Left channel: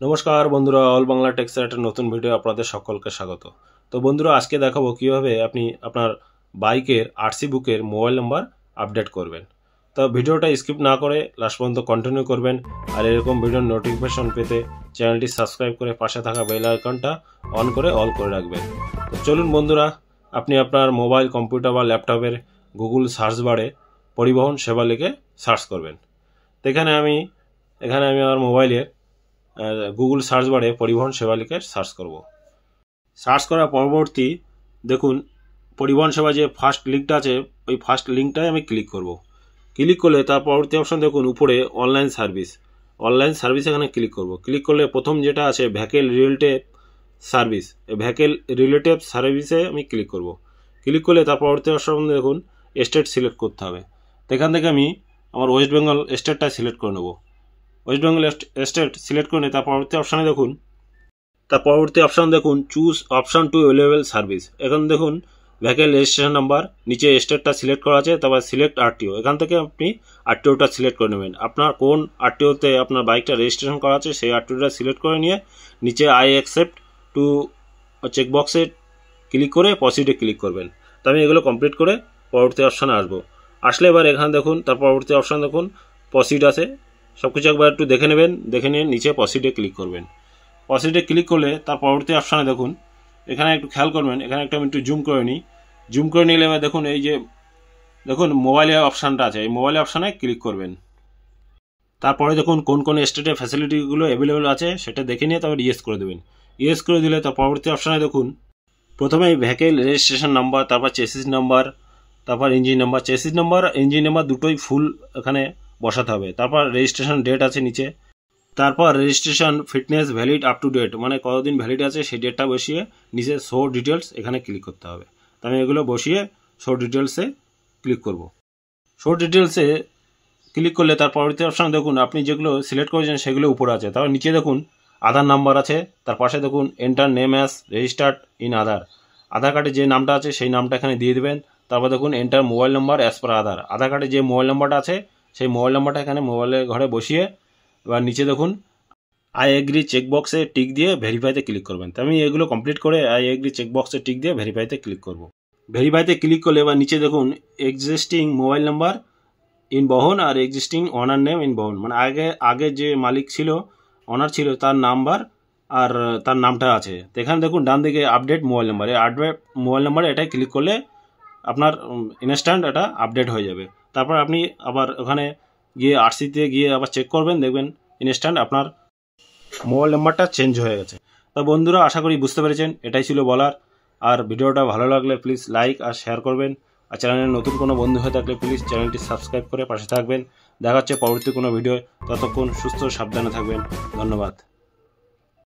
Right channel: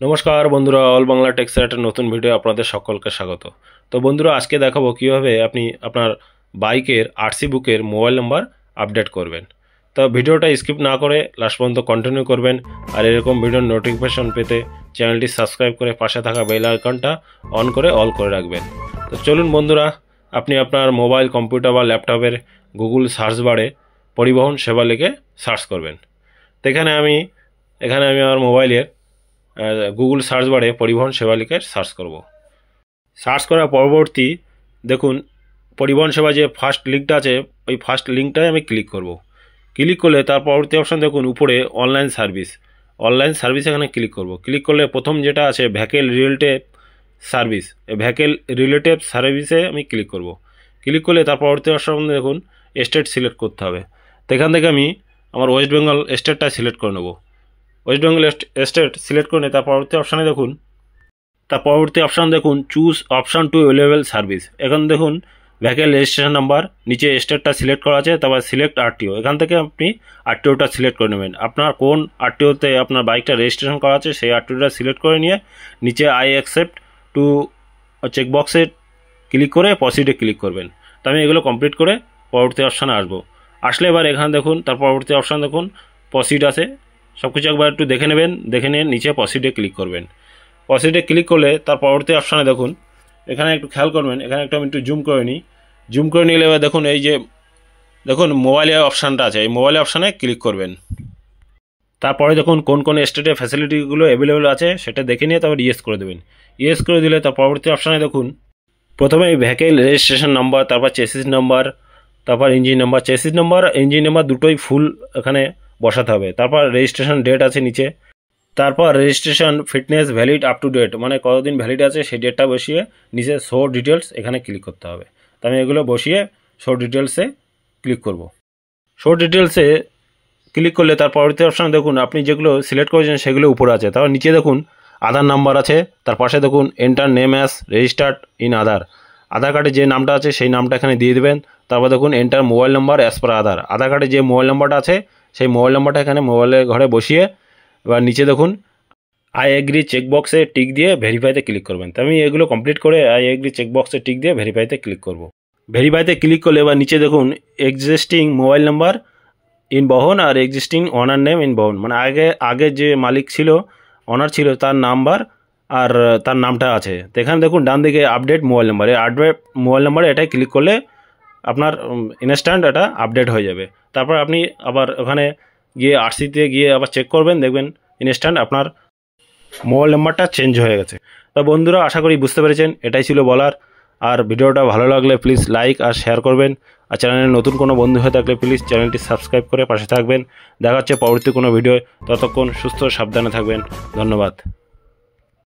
নমস্কার বন্ধুরা, অল বাংলা টেক্সের একটা নতুন ভিডিও আপনাদের সকলকে স্বাগত। তো বন্ধুরা, আজকে দেখাবো কিভাবে আপনি আপনার বাইকের আরসি বুকের মোবাইল নাম্বার আপডেট করবেন। তো ভিডিওটা স্কিপ না করে লাস্ট পর্যন্ত কন্টিনিউ করবেন। আর এরকম ভিডিওর নোটিফিকেশন পেতে চ্যানেলটি সাবস্ক্রাইব করে পাশে থাকা বেল আইকনটা অন করে অল করে রাখবেন। তো চলুন বন্ধুরা, আপনি আপনার মোবাইল, কম্পিউটার বা ল্যাপটপের গুগল সার্চ বারে পরিবহন সেবা লিখে সার্চ করবেন। তো এখানে আমি আমার মোবাইলের গুগল সার্চ বারে পরিবহন সেবা লিখে সার্চ করব। সার্চ করার পরবর্তী দেখুন পরিবহন সেবা যে ফার্স্ট লিঙ্কটা আছে, ওই ফার্স্ট লিঙ্কটাই আমি ক্লিক করব। ক্লিক করলে তার পরবর্তী অপশন দেখুন উপরে অনলাইন সার্ভিস এখানে ক্লিক করব। ক্লিক করলে প্রথম যেটা আছে ভেহিকেল রিলেটিভ সার্ভিস, এই ভেহিকেল রিলেটিভ সার্ভিসে আমি ক্লিক করব। ক্লিক করলে তার পরবর্তী অপশন দেখুন স্টেট সিলেক্ট করতে হবে। তো এখান থেকে আমি আমার ওয়েস্ট বেঙ্গল স্টেটটা সিলেক্ট করে নেব। ওয়েস্ট বেঙ্গল স্টেট সিলেক্ট করে তার পরবর্তী অপশানে দেখুন choose option to available service. এখন দেখুন ভেহিকেল রেজিস্ট্রেশন নাম্বার, নিচে স্টেটটা সিলেক্ট করা আছে, তারপর সিলেক্ট আরটিও। এখান থেকে আপনি আরটিওটা সিলেক্ট করে নেবেন। আপনার কোন আরটিওতে আপনার বাইকটা রেজিস্ট্রেশন করা আছে সেই আরটিওটা সিলেক্ট করে নিয়ে নিচে আই অ্যাকসেপ্ট টু চেকবক্সে ক্লিক করে প্রসিডে ক্লিক করবেন। তো আমি এগুলো কমপ্লিট করে পরবর্তী অপশানে আসলে এবার এখানে দেখুন তার পরবর্তী অপশান দেখুন প্রসিড আছে। সব কিছু একবার একটু দেখে নেবেন, দেখে নিয়ে নিচে প্রসিডে ক্লিক করবেন। প্রসিডে ক্লিক করলে তার পরবর্তী অপশানে দেখুন এখানে একটু খেয়াল করবেন, এখানে আমি একটু জুম করে নিই। জুম করে নিলে এবার দেখুন এই যে দেখুন মোবাইলের অপশানটা আছে, এই মোবাইল অপশানে ক্লিক করবেন। তারপরে দেখুন কোন কোন স্টেটে ফ্যাসিলিটিগুলো অ্যাভেলেবেল আছে সেটা দেখে নিয়ে তারপর ইয়েস করে দেবেন। ইয়েস করে দিলে তার পরবর্তী অপশানে দেখুন প্রথমে ভেহিকেল রেজিস্ট্রেশন নাম্বার, তারপর চেসিস নাম্বার, তারপর engine number. Chassis number engine number দুটোই ফুল এখানে বসাতে হবে। তারপর রেজিস্ট্রেশন ডেট আছে নিচে, তারপর registration fitness valid up to date, মানে কতদিন ভ্যালিড আছে সেই ডেটটা বসিয়ে নিচে শো ডিটেলস এখানে ক্লিক করতে হবে। তো আমি এগুলো বসিয়ে শো ডিটেলসে ক্লিক করব। শো ডিটেলসে ক্লিক করলে তার পরবর্তী অপশানে দেখুন আপনি যেগুলো সিলেক্ট করেছেন সেগুলো উপরে আছে। তারপর নিচে দেখুন আধার নাম্বার আছে, তার পাশে দেখুন enter name as registered in Aadhaar কার্ডে যে নামটা আছে সেই নামটা এখানে দিয়ে দেবেন। তারপর দেখুন enter mobile number as per Aadhaar কার্ডে যে মোবাইল নাম্বারটা আছে সেই মোবাইল নাম্বারটা এখানে মোবাইলের ঘরে বসিয়ে এবার নিচে দেখুন আই এগ্রি চেকবক্সে টিক দিয়ে ভেরিফাইতে ক্লিক করবেন। তো আমি এগুলো কমপ্লিট করে আই এগ্রি চেকবক্সে টিক দিয়ে ভেরিফাইতে ক্লিক করব। ভেরিফাইতে ক্লিক করলে এবার নিচে দেখুন এক্সিস্টিং মোবাইল নাম্বার ইন বহন আর এক্সিস্টিং অনার নেম ইন বহন, মানে আগে যে মালিক ছিল, অনার ছিল, তার নাম্বার আর তার নামটা আছে। তো এখানে দেখুন ডান দিকে আপডেট মোবাইল নাম্বার, এই আপডেট মোবাইল নাম্বারে এটাই ক্লিক করলে আপনার ইনস্ট্যান্ট এটা আপডেট হয়ে যাবে। তারপর আপনি আবার ওখানে গিয়ে আরসিতে গিয়ে আবার চেক করবেন, দেখবেন ইনস্ট্যান্ট আপনার মোবাইল নাম্বারটা চেঞ্জ হয়ে গেছে। তা বন্ধুরা, আশা করি বুঝতে পেরেছেন, এটাই ছিল বলার। আর ভিডিওটা ভালো লাগলে প্লিজ লাইক আর শেয়ার করবেন। আর চ্যানেলে নতুন কোনো বন্ধু হয়ে থাকলে প্লিজ চ্যানেলটি সাবস্ক্রাইব করে পাশে থাকবেন। দেখা হচ্ছে পরবর্তী কোনো ভিডিও। ততক্ষণ সুস্থ সাবধানে থাকবেন। ধন্যবাদ।